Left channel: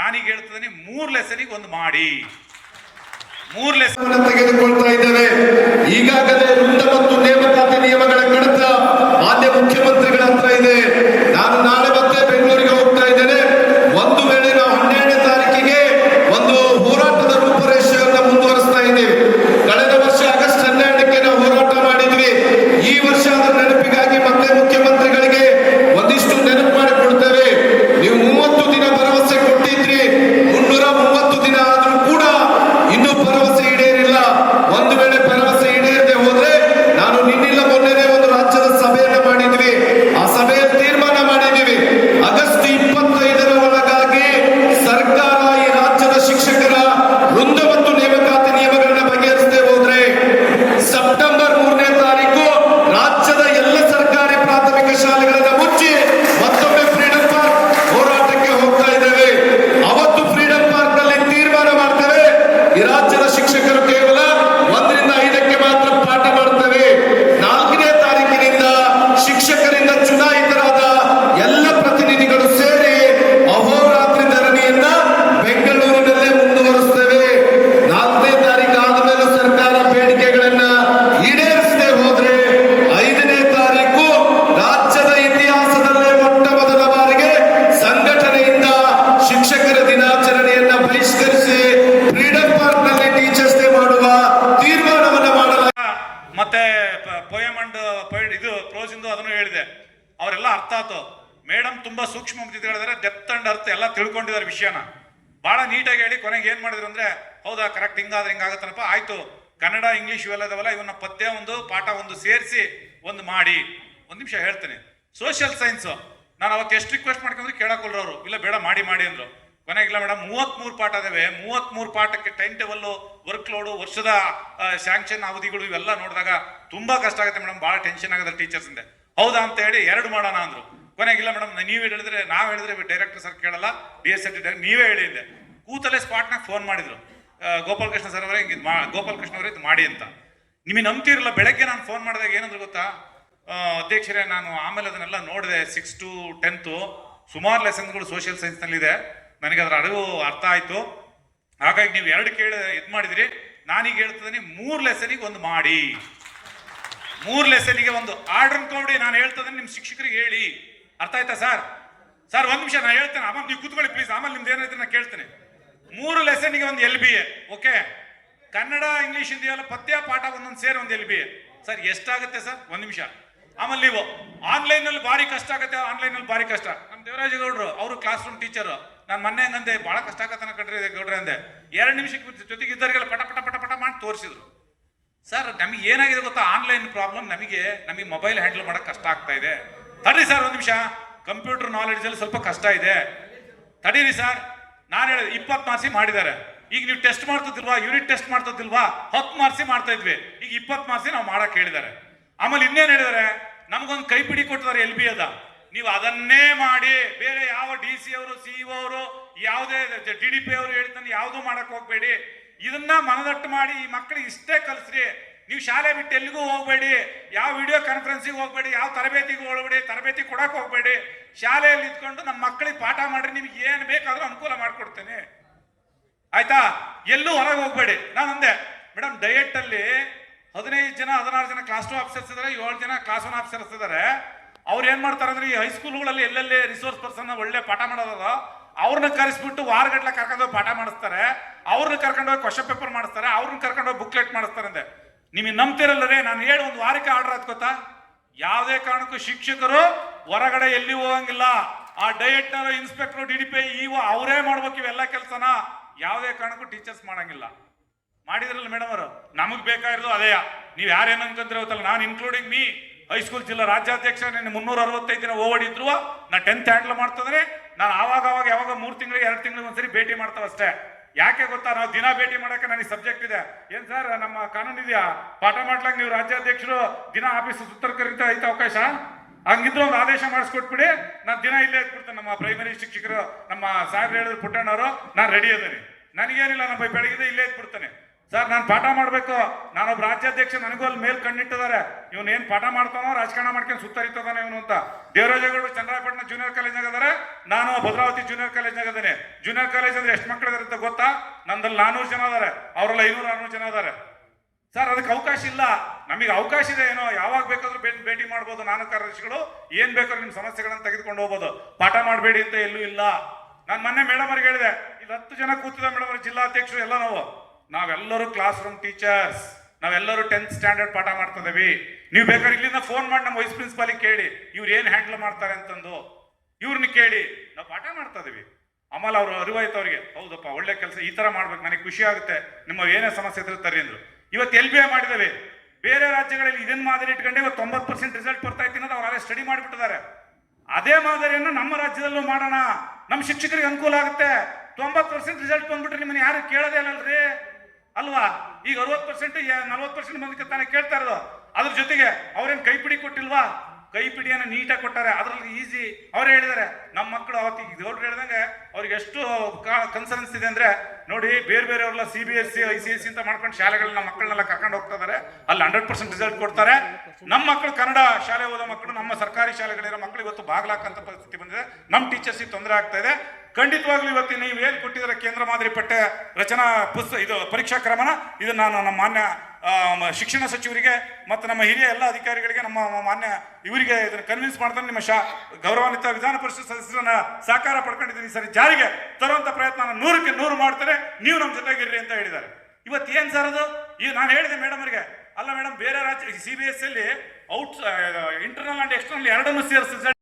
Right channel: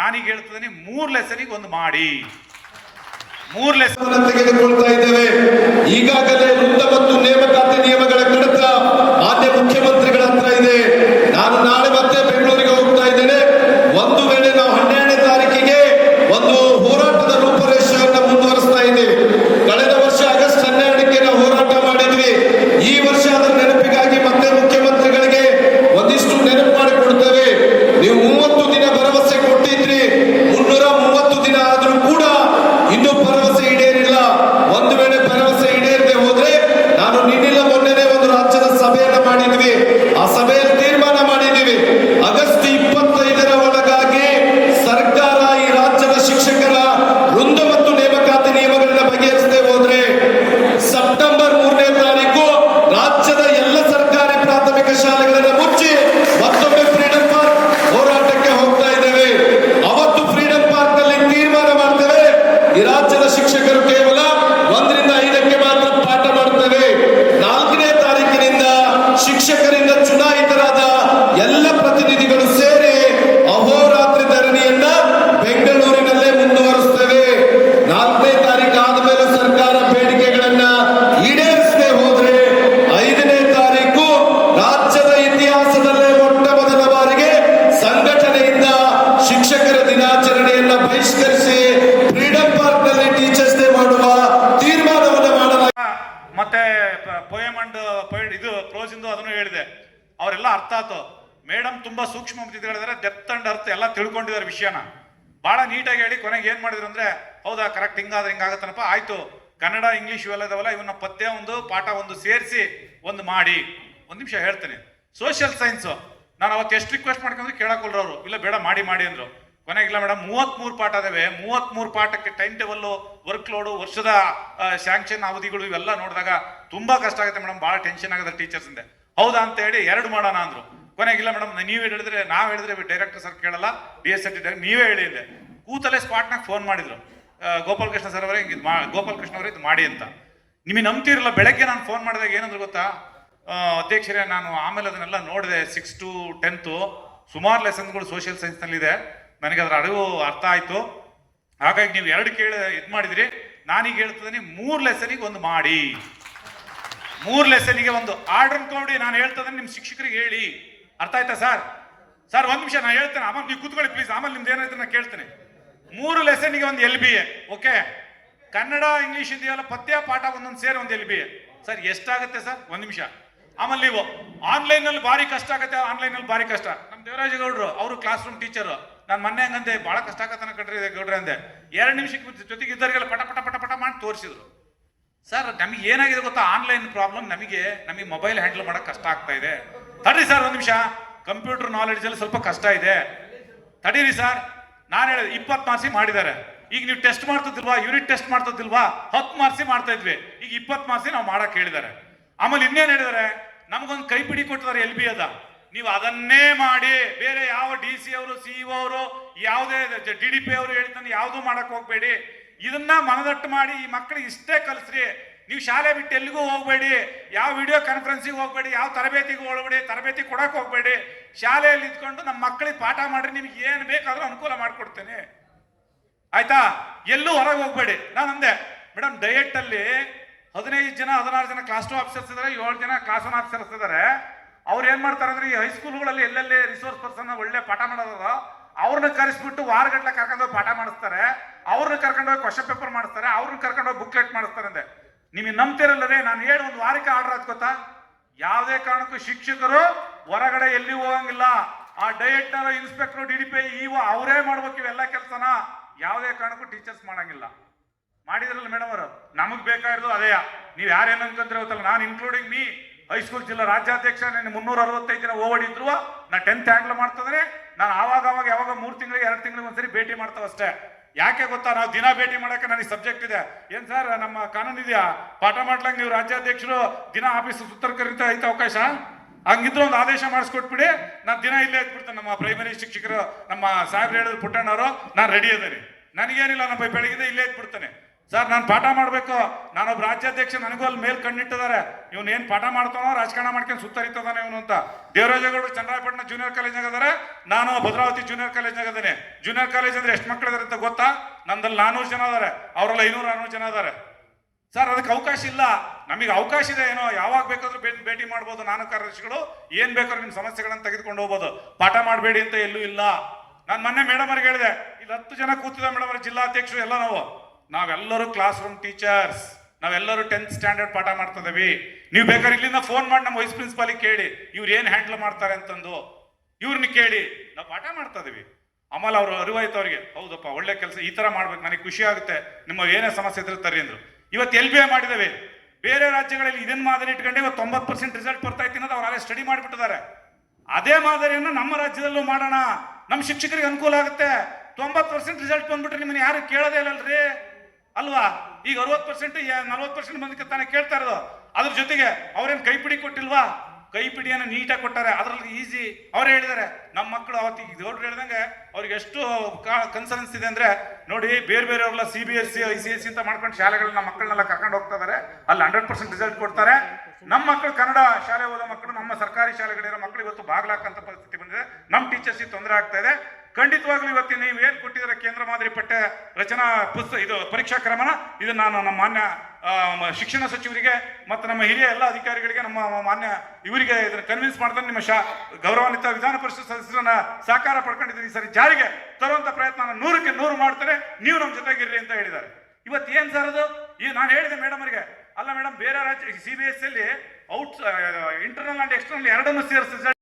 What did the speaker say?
ನಾನೀಗ ಹೇಳ್ತಿದ್ದೀನಿ ಮೂರ್ ಲೆಸನಿಗೆ ಒಂದು ಮಾಡಿ. ಮೂರ್ ಲೆಸನ್ ತೆಗೆದುಕೊಳ್ತಾ ಇದ್ದೇವೆ. ಈಗಾಗಲೇ ವೃತ್ತ ಮತ್ತು ನೇಮಕಾತಿ ನಿಯಮಗಳ ಕಡತ ಮಾನ್ಯ ಮುಖ್ಯಮಂತ್ರಿಗಳ ಈ ಅವರೆಲ್ಲ ಅರ್ಥ ಆಯ್ತು. ಮೇಡಮ್ ತುಂಬಾ ಸೂಕ್ಷ್ಮ ಹೇಳಿದ್ರೆ ಡೆಪ್ತ್ ಅಂಡ್ ಅರ್ಥ ಎಲ್ಲ ತಿಳ್ಕೊಂಡಿದ್ದಾರೆ ವಿಷಯನ. ಬಹಳ ನೀಟಾಗಿ ಹೇಳಿ ಕೊನೆಗೆ ಏನ್ ಮಾಡಿದ್ರು ಅಂದ್ರೆ, ಹೌದಾ ಕರೆಕ್ಟ್ ಹಿಂಗಾದ್ರೆ ಹಿಂಗಾಗತ್ತನಪ್ಪ, ಆಯ್ತು. ಕನ್ನಡ, ಇಂಗ್ಲಿಷ್ ಇವೆಲ್ಲ ಇದಾವಲ್ಲ, ಇವನ್ನ ಪತ್ತೆ ಒಂದು, ಪಾಠ ಒಂದು ಸೇರಿಸಿ ಒಂದು ಮಾಡಿ. ಒಂದು ನಿಮಿಷ ಹೇಳ್ತೇನೆ. ಸೋಷಿಯಲ್ ಸೈನ್ಸ್ ನಾನು ಅವತ್ತು ಎಷ್ಟು ರಿಕ್ವೆಸ್ಟ್ ಮಾಡ್ಕೊಂಡ್ರೆ ಕೇಳಕೊಲ್ರು ಅವರು ಇಲ್ಲ, ಬೇಡ, ಮಾಡಿ ಮಾಡಿ ಅಂದ್ರು. ಕೊನೆಗಿಲ್ಲ ಮೇಡಮ್ ಮೂವತ್ಮೂರು ಪಾಠ ಅದಾವೆ ಮೂವತ್ಮೂರು ಪಾಠಕ್ಕೆ ಟೈಮ್ ಟೇಬಲ್ ವರ್ಕ್ ಲೋಡು ವರ್ಷದ ಸ್ಯಾಂಕ್ಷನ್ ಅವಧಿಗಳು ಇವೆಲ್ಲ ನೋಡಿದಾಗ ತುಂಬಾ ಕಷ್ಟ ಆಗುತ್ತೆ ಮೇಡಮ್ ಬಹಳ ಟೆನ್ಷನ್ ಆಗುತ್ತೆ ಟೀಚರ್ಸ್ ಹೌದಾ ಅಂತ ಹೇಳಿ ಎರಡು ಮಾಡೋಣ ಅಂದ್ರು. ಕೊನೆಗಿಲ್ಲ ಮೇಡಮ್ ನೀವೇ ಹೇಳಿದ್ರೆ, ನಾವು ಹೇಳಿದ್ರೆ ಡೈರೆಕ್ಟರ್ ಸರ್ ಕೇಳಲ್ಲ ಡಿ ಎಸ್ ಎಲ್ ನೀವೇ ಹೇಳಿದ್ದೆ ಕೂತಲೇ ಸ್ಪಾಟ್ನಾಗ ಫೋನ್ ಮಾಡಿದ್ರು. ಗೋಪಾಲ್ ಕೃಷ್ಣ ಸರ್ ಅವರೇ ಮಾ ಗೋಪಾಲ್ ಕೃಷ್ಣ ಅವರೇ ಇದು ಮಾಡಿ ಅಂತ. ನಿಮಗೆ ನಂಬ್ತಿರಲ್ಲ ಬೆಳಗ್ಗೆ ನಾನು ಫೋನ್ ಮಾಡಿದಾಗ ಏನಂದ್ರೆ ಗೊತ್ತಾ? ಅಧ್ಯಕ್ಷರೇ, ನಾನು ಆಮೇಲೆ ಅದನ್ನೆಲ್ಲ ನೋಡಿದೆ ಸಿಕ್ಸ್ ಟು ಟೆಂತು ಸುಮಾರು ಲೆಸನ್ಗಳು ಸೋಷಿಯಲ್ ಸೈನ್ಸ್ನಲ್ಲಿದೆ ನನಗೆ ಅದರ ಅರಿವು ಅರ್ಥ ಆಯ್ತು. ಹಾಗಾಗಿ ನೀವು ಎರಡು ಕೇಳಿ ಇದು ಮಾಡಿದ್ರಿ. ನಾನೀಗ ಹೇಳ್ತಿದ್ದೀನಿ, ಮೂರು ಲೆಸನಿಗೆ ಒಂದು ಮಾಡಿ. ಮೂರು ಲೆಸನಿಗೆ ಒಂದು ಆರ್ಡರ್ ಅನ್ಕೊಂಡು ನಾನು ಹೇಳ್ತದೆ ನಿಮ್ಮ ಶಿಕ್ಷಕರಿಗೆ ಹೇಳಿ. ಅರ್ಥ ಆಯ್ತಾ ಸರ್? ಸರ್, ಒಂದು ನಿಮಿಷ, ನಾನು ಹೇಳ್ತೇನೆ. ಆಮೇಲೆ ನೀವು ಕೂತ್ಕೊಳ್ಳಿ ಪ್ಲೀಸ್ ಆಮೇಲೆ ನಿಮ್ದು ಏನಾಯ್ತು ನಾನು ಕೇಳ್ತೇನೆ. ಮೂರು ಲೆಸನ್ಗೆ ಒಂದು L B A okay Kannada English ಇದೆಯಲ್ಲ ಪಥ್ಯ ಪಾಠ ಒಂದೊಂದು ಸೇರಿ ಒಂದು ಎಲ್ ಬಿ ಎ ಸರ್, ಎಷ್ಟಾಗುತ್ತೆ ಸರ್? ಒಂದು ನಿಮಿಷ. ಆಮೇಲೆ ನೀವು ಆನ್ಲೈನ್ನಲ್ಲಿ ಭಾರಿ ಕಷ್ಟ ಆಗುತ್ತೆ ಆನ್ಲೈನ್ನಲ್ಲಿ ಭಾರಿ ಕಷ್ಟ. ನಮ್ಮ ದೇವರಾಜ ಗೌಡ್ರು ಅವರು ಕ್ಲಾಸ್ ರೂಮ್ ಟೀಚರ್ ನಾನು ಮೊನ್ನೆ ಹಂಗಂದೆ ಬಹಳ ಕಷ್ಟ ಆಗತ್ತೆ ಕಟ್ರಿ ಗೌಡ್ರೆ ಅಂದೆ. ಎರಡು ನಿಮಿಷಕ್ಕೆ ಜೊತೆಗೆ ಇದ್ದವರಿಗೆಲ್ಲ ಪಟ ಪಟ ಪಟ ಪಟ ಮಾಡಿ ತೋರಿಸಿದ್ರು. ಸರ್ ನಮಗೆ ಏನಾಗಿದೆ ಗೊತ್ತಾ? ಆನ್ಲೈನ್ ಪ್ರಾಬ್ಲಮ್ ನಮಗೆ ನಮಗೆ ಮೊಬೈಲ್ ಹ್ಯಾಂಡಲ್ ಮಾಡಕ್ ಕಷ್ಟ ಆಗ್ತಾ ಇದೆ. ತಡ್ರಿ ಸರ್ ಒಂದು ನಿಮಿಷ. ಕಂಪ್ಯೂಟರ್ ನಾಲೆಡ್ಜ್ ಅಲ್ಲಿ ಸ್ವಲ್ಪ ಕಷ್ಟ ಇದೆ. ತಡೀರಿ ಸರ್ ನಾನು ಹೇಳಿದೆ, ಇಪ್ಪತ್ತು ಮಾರ್ಸಿ ಮಾಡಿದ್ದಾರೆ. ಈಗ ನೀವು ಟೆಸ್ಟ್ ಮಾಡ್ತಿದ್ದಿಲ್ವಾ ಯೂನಿಟ್ ಟೆಸ್ಟ್ ಮಾಡ್ತಿದ್ದಿಲ್ವಾ ಹತ್ತು ಮಾರ್ಸಿ ಮಾಡ್ತಾ ಇದ್ವಿ. ಈಗ ಇಪ್ಪತ್ತು ಮಾರ್ಸಿ ನಾವು ಮಾಡಕ್ಕೆ ಹೇಳಿದ್ದಾರೆ. ಆಮೇಲೆ ಇನ್ನೇನು ಹೇಳಿದ್ದಾರೆ? ನಮಗೊಂದು ಕೈಪಿಡಿ ಕೊಟ್ಟಿದ್ದಾರೆ ಎಲ್ ಬಿ ಅದ. ನೀವು ಅದನ್ನೇ ಮಾಡಿ, ಬೇರೆ ಯಾವ ಡಿ ಸಿ ಅವರು ಸಿಇಒ ಅವರು, ಯಾವುದೇ ಡಿ ಡಿ ಪಿ ಅವರು ಹೇಳ್ತಾನೆ ಯಾವುದೂ ಮಾಡಕ್ ಹೋಗ್ಬೇಡಿ. ಇದನ್ನ ಮನದಟ್ಟು ಮಾಡಿ ಈ ಮಕ್ಕಳಿಗೆ ಇಷ್ಟೇ ಕಲಿಸ್ರಿ. ನೀವು ಶಾಲೆ ಬಿಟ್ಟು ಎಲ್ಲಿಗೂ ಹೋಗಬೇಡಿ. ಯಾವ ವಿಡಿಯೋ ಕಾನ್ಫರೆನ್ಸಿಗೆ ಹೋಗಬೇಡಿ, ಯಾವ ತರಬೇತಿಗೆ ಹೋಗ್ಬೇಡಿ, ತರಬೇತಿ ಕೊಡೋಕೆ ಹೋಗಬೇಡಿ. ಶಾಲೆಯಲ್ಲಿ ಇದ್ಕೊಂಡು ನಮ್ಮ ಮಕ್ಕಳಿಗೆ ಪಾಠ ಮಾಡ್ರಿ, ನಿಮ್ಗೆ ಏನು ಬೇಕಾದರೂ ಅನುಕೂಲ ಮಾಡಿಕೊಡ್ತೇನೆ. ಆಯ್ತಾ? ಎಲ್ಲೂ ಹೊರಗೆ ಹೋಗಬೇಡಿ. ನಾನು ಅಂದೆ, ಮೇಡಮ್ ಅಲ್ಲಿ ಹದಿನೈದು ಜನ, ಹದಿನಾರು ಜನ ಕ್ಲಾಸ್ ಟು ಆಫೀಸರ್ಸ್ ಇದ್ದಾರೆ ಏಳು ಜನ ಕ್ಲಾಸ್ ಒನ್ ಆಫೀಸರ್ಸ್ ಇದ್ದಾರೆ ಅವ್ರು ಏನು ಮಾಡ್ತಾರೆ ಅಂದ್ರೆ, ಈ ಹೈಸ್ಕೂಲ್ಗಳಲ್ಲಿ ಎಲ್ಲೆಲ್ಲಿ ರಿಸೋರ್ಸ್ ಪರ್ಸನ್ ಒಳ್ಳೆ ಪಾಠ ಮಾಡೋದ ಅವ್ರನ್ನ ಕರೆಸ್ಬಿಟ್ಟು ವಾರಗಟ್ಟಲೆ ಕರ್ಕೊಂಡು ಪಾಠ ಮಾಡಿಸ್ತಾರೆ. ಅವ್ರನ್ನ ಕರ್ಕೊಂಡು ಹೋಗಿ ಕ್ವಶನ್ ಪೇಪರ್ ಮಾಡಿಸ್ತಾರೆ, ಅವ್ರನ್ನ ಕರ್ಕೊಂಡು ಹೋಗಿ ಬುಕ್ಲೆಟ್ ಮಾಡಿಸ್ತಾರೆ ಅಂದೆ. ನಿಮಗೆ ನಂಬ್ತಿರಲ್ಲರೇ, ನಾನು ಹೇಳಿ ಒಂದು ವಾರಕ್ಕೆ ಆರ್ಡರ್ ಆದ್ ಗೊತ್ತಾ? ಯಾವುದೇ ಕಾರಣಕ್ಕೂ ಶಿಕ್ಷಕರು ಹೊರಗಡೆ ಎಲ್ಲಿ ಹೋಗಂಗಿಲ್ಲ. ಆ ಡಯಟ್ನ ಇನ್ಸ್ಪೆಕ್ಟರ್ ಡಿ ಡಿ ಪಿ ಇವ ಅವರೇ ಮಾಡ್ಬೇಕು ಇವೆಲ್ಲ ಕೆಲಸನ. ಯಾವುದೇ ಕಾರಣಕ್ಕೂ ಟೀಚರ್ಸ್ ಮಾಡಂಗಿಲ್ಲ. ಮಾಡಿದ್ರಲ್ಲ ಮೇಡಮ್ ಅವರು? ನಮಗೆ ಬೇಕಾಗಿರೋದು ಅದೇ. ನೀವು ಯಾರೇನು ಏನಂತಂದ್ರೆ ಗೊತ್ತಲ್ಲ, ನಾನು ಇನ್ಕ್ಲೂಡಿಂಗ್ ಮೀ ಹೈಸ್ಕೂಲ್ ಜಿಲ್ಲಾ ರಾಜ್ಯಾಧ್ಯಕ್ಷ ನಾನು ಮುನ್ನೂರ ಅರವತ್ತೈದು ದಿನ ಓಡಿದ್ರು ನಾ ಟೆಂತ್ ಹ್ಯಾಂಡಲ್ ಮಾಡ್ತಿದ್ರೆ ನಾನು ಆವಾಗ ಅವಾಗ ಯಾವಾಗ ಮೂರು ತಿಂಗಳಿಗೆ, ಎರಡು ತಿಂಗಳಿಗೆ ಒಂದ್ಸರಿ ಭೇಟಿ ಮಾಡ್ತಾವ ಅಷ್ಟೇ ಯಾಕೆ ಗೊತ್ತಾ? ನಾವು ದಿನ ಭೇಟಿ ಮಾಡಕ್ಕೆ ನನಗೆ ಸಬ್ಜೆಕ್ಟ್ ಇದೆ. ಏನ್ ಸರ್ ನಮ್ಮ ಕಾನೂನು ಇದೆಯಾ? ಪಾಠ ಮಾಡ್ಲಂಗ್ ನೀವು ರಾಜ್ಯಾಧ್ಯಕ್ಷರು ದಿನ ಆಫೀಸ್ ಸುತ್ತರ್ ಕರೀತಾ ಐತೆ ಅವಕಾಶ? ಹಂಗಿದ್ರೆ ಒಂದು ಆದೇಶ ಮಾಡಿಸ್ಕೊಟ್ಬಿಡಿ. ನಾನು ದಿನ ಇಲ್ಲೇ ಇದ್ಬಿಡ್ತೇನೆ ನಮ್ಮ ಪ್ರೈಮರಿ ಶಿಕ್ಷಕರು, ನಮ್ಮ ಸಾಹೇಬ್ರು ಹೇಳಿದ್ರು ಪುಟ್ಟಣ್ಣವರು. ನಾನು ರೆಡಿ ಅದೇನೆ ನನಗೇನಿಲ್ಲ ನಮ್ಮ ಬೆಳಗ್ಗೆ ಇಲ್ಲೇ ಇದ್ಬಿಡ್ತಾನೆ. ಸರ್, ನಾನು ಪಾಠ ಮಾಡಬೇಕು. ನಾನೊಬ್ಬ ರಾಜ್ಯಾಧ್ಯಕ್ಷ, ನನಗೂ ಅಲ್ಲಿ ಮೇಲ್ ಕಣ್ಣಿಟ್ಟಿದ್ದಾರೆ. ಇವನು ಏನ್ ಪಾಠ ಮಾಡ್ತಾನೋ ರಾಜಕಾರಣ ಮಾಡ್ಕೊಂಡು ಸುತ್ತರಿತದಾನೆ ಇವನು ಅಂತ. ದೇವರಾಜಗಳು ಚಂದ್ರಾಯಪಟ್ಟಣ ಜೂನಿಯರ್ ಕಾಲೇಜ್ನಾಗ ಅದಾರೆ ನಾನು ಭದ್ರಾವತಿ ಜೂನಿಯರ್ ಕಾಲೇಜ್ನಾಗ ಅದೇನೆ ಜೂನಿಯರ್ ಕಾಲೇಜ್ ಅಂದ್ರೆ ಎಷ್ಟು ಮಕ್ಳು ಇದಾರೆ ಅಂತ ಗೊತ್ತಾ? ನಂದಲ್ಲಿ ನಾನೂರು ಜನ ಅದಾರೆ ಅವರೆಲ್ಲ ಐನೂರ ನಾನೂರು ಜನ ಅದಾರೆ ಸರ್, ಅದಕ್ಕೆ ಅವಕಾಶ ಇಲ್ಲ. ನಮಗೆ ಅವಕಾಶ ಇದೆ ಏನೋ, ಯಾವಾಗ ಬೇಕಾದ್ರೂ ಭೇಟಿ ಭೇಟಿ ಮಾಡ್ಬೋದು ನಾನು ಕಾರ್ಯದರ್ಶಿಗಳು. ಏನ್ ಬೇಕಾದ್ರೂ ನಿಮ್ಮ ಸಮಸ್ಯೆಗಳನ್ನು ತೆಗೆದುಕೊಂಡು ಹೋಗ್ಬೋದು. ಪಾಠ ಮಾಡಬೇಡಿ ಅಂತ ಎಲ್ಲೂ ಇಲ್ಲ. ನಾನು ಮೊನ್ನೆ ಮೇಡಮ್ ಅವ್ರಿಗೆ ಹೇಳಿದೆ. ಇಲ್ಲಿ ಹತ್ತು ಜನ ಕೂತಿದೆ ಮೇಡಮ್ ಅವ್ರ, ಜಿಲ್ಲಾಧ್ಯಕ್ಷರು ಎಲ್ಲ ನಾವು. ನಾವೆಲ್ಲರೂ ಕ್ಲಾಸ್ ರೂಮ್ ಟೀಚರ್ಸ್ ನಾವೆಲ್ಲರೂ ಟೆಂತ್ ಸ್ಟ್ಯಾಂಡರ್ಡ್ ಪಾಠ ಮಾಡ್ತಾ ಇದೀವಿ ನೀವು ಬೇಕಾದ್ರೆ ಇಲ್ಲಿಂದ ಫೋನ್ ಮಾಡಿ ನಮ್ಮ ವೈಸ್ ಪ್ರಿನ್ಸಿಪಾಲಿಗೆ ಕೇಳಿ, ಇವ್ರು ಏನು ಹ್ಯಾಂಡಲ್ ಮಾಡ್ತಾರೆ ಅಂತಂದು. ಇವ್ರನ್ನ ಕೇಳಿ, ನಾವು ಪಾಠ ಮಾಡ್ತಾ ಇದೀವಿ ಆಮೇಲೆ ಅವ್ರು ಅರಿವಾಯ್ತು ಅವ್ರಿಗೆ, ಹೌದಪ್ಪ, ಒಳ್ಳೆ ಕೆಲಸ, ಈ ತರ ಮಾಡ್ಬೇಕು, ನನಗೆ ಖುಷಿ ಆಗುತ್ತೆ, ನಿಮ್ಮ ಏನೇ ಸಮಸ್ಯೆ ಇದ್ರೆ ತರಿ ಅಂದ್ರು. ಇವತ್ತು ಎಲ್ ಬಿ ಎ ಮಾಡಿದ್ದೇವೆ. ಬೇರೆ ರಾಜ್ಯಗಳಲ್ಲಿ ಇದನ್ನ ಮಾದರಿ ಇಟ್ಕೊಂಡೆ, ಇವತ್ತು ತೊಂಬತ್ತು ಪರ್ಸೆಂಟ್ ರಿಸಲ್ಟ್ ಬರ್ತಾ ಇತ್ತು ಅನ್ನೋದು ಅವರೇ ಸ್ಟಡಿ ಮಾಡಿಬಿಟ್ಟಿದ್ದಾರೆ. ಅದೇ ಮಾದರಿಯನ್ನು ನಮ್ಮ ರಾಜ್ಯದಲ್ಲೂ ಮಾಡೋಣ. ನಮ್ಮ ಶಿಕ್ಷಕರಿಗೆ ಅನುಕೂಲ ಆಗುತ್ತೆ. ತೊಂಬತ್ತು ಪರ್ಸೆಂಟ್ ರಿಸಲ್ಟ್ ಬಂದ್ಬಿಟ್ರೆ ನಿಮ್ಮನ್ನ ಯಾರು ಕೇಳೋದೇ ಇಲ್ಲಲ್ರಿ? ಅಲ್ವಾ? ಈಗ ಅರವತ್ತು ಪರ್ಸೆಂಟ್ ನಲ್ವತ್ತು ಪರ್ಸೆಂಟ್ ಮಂದಿ ತಾನೇ ಕೇಳ್ತಾ ಇರೋದು. ಅದ್ರ ಜೊತೆಗೆ ಅವ್ರೇನ್ ಕೈಪಿಡಿ ಕೊಟ್ಟಿಲ್ವಾ? ಕೈಪಿಡಿಯನ್ನು ನೀಟಾಗಿ ಕೊಟ್ಟಾರೆ. ಅದ್ರಲ್ಲಿ ಈಸಿ. ಅವರೇ ಹೇಳಿದ್ದಾರೆ ನಮ್ಮ ಮಕ್ಕಳು ಅವತ್ತಿಗೆ ಗೌಡ್ರು ಹೇಳಿದಂಗೆ ಅವ್ರಿಗೆ ಎಷ್ಟು ಕನ್ಸರ್ನ್ಸ್ ಇದೆ ಅಂದ್ರೆ, ನೋಡಿ ಬೇರೆ ಬೇರೆಯವ್ರೆಲ್ಲ C B S C I C S ಅಂತ ಮಾಡ್ಕೊಂಡು ಶಾಲೆಗಳನ್ನ ಮಕ್ಕಳನ್ನೆಲ್ಲ ಕರ್ಕೊಂಡು ಹೋಗ್ತಾ ಇದಾರೆ. ಅಲ್ಲಿ ಹಂಡ್ರೆಡ್ ಪರ್ಸೆಂಟ್ ರಿಸಲ್ಟ್ ಕೊಡ್ತಾರೆ. ನಮ್ಮ ಮಕ್ಕಳು ಕನ್ನಡ ಶಾಲೆ ಓದೋ ಮಕ್ಕಳು ನಮ್ಮ ಸರ್ಕಾರಿ ಶಾಲೆಗಳಿರೋ ಮಕ್ಕಳು ಇವತ್ತು ಬಾಗ್ಲಾಕಂತ ಪರಿಸ್ಥಿತಿ ಬಂದಿದೆ. ನಮ್ಮ ಟೀಚರ್ಸಿಗೆ ತೊಂದರೆ ಆಗ್ತಾ ಇದೆ. ಖಂಡಿತವಾಗ್ಲೂ ಇವತ್ತು ನೀವು ಏನು ಕೊಟ್ಟಿದ್ದಾರೆ ಕೇಂದ್ರ ಮಾದರಿ ಪಠ್ಯ ರಚನಾ ಪುಸ್ತಕ ಇದು ಪರೀಕ್ಷಾ ಕ್ರಮನ ಇದು ನಾನು ನಮ್ಮ ಮಾನ್ಯ ಶಿಕ್ಷಣ ಸಚಿವರಿಗೆ ಮತ್ತು ನಮ್ಮ ಹಿರಿಯ ಎಲ್ಲ ಅಧಿಕಾರಿಗಳಿಗೆ, ನಮ್ಮ ಮಾನ್ಯ ಇವರಿಗೆ ಇದನ್ನು ಕನ್ವಿನ್ಸ್ ಮಾಡ್ತಾರೆ ನಿಮ್ಮ ಶಾ ಗೌರವಾನ್ವಿತ ವಿಧಾನ ಪರಿಷತ್ ಸದಸ್ಯರನ್ನ ಸಹಕಾರ ಪಡ್ಕೊಂಡಿದ್ದೀನಿ. ಸರಿ ಜಾರಿಗೆ ತರುವಂಥ ಪ್ರಯತ್ನ ನೂರಕ್ಕೆ ನೂರು ಮಾಡ್ತಾರೆ. ನೀವು ನಮ್ಮ ಜೊತೆಗಿರ್ರಿ ಅಂತ ಹೇಳಿದ್ದಾರೆ. ಇವತ್ತು ಏನು ಸರ್ ಅದು? ಈಗ ನಾನು ಹೇಳಿದೆ ಮೇಡಮ್ ಅವರಿಗೆ. ಅಲ್ಲ ಮೇಡಮ್ ಬೇರೆ ರಾಜ್ಯ ಸಿ ಬಿ ಎಸ್ ಅಲ್ಲಿ ಔಟ್ ಇಂಟರ್ನಲ್ ಆ್ಯಂಡ್ ಎಕ್ಸ್ಟರ್ನಲ್ ಎರಡನ್ನೂ ಸೇರಿಸಿ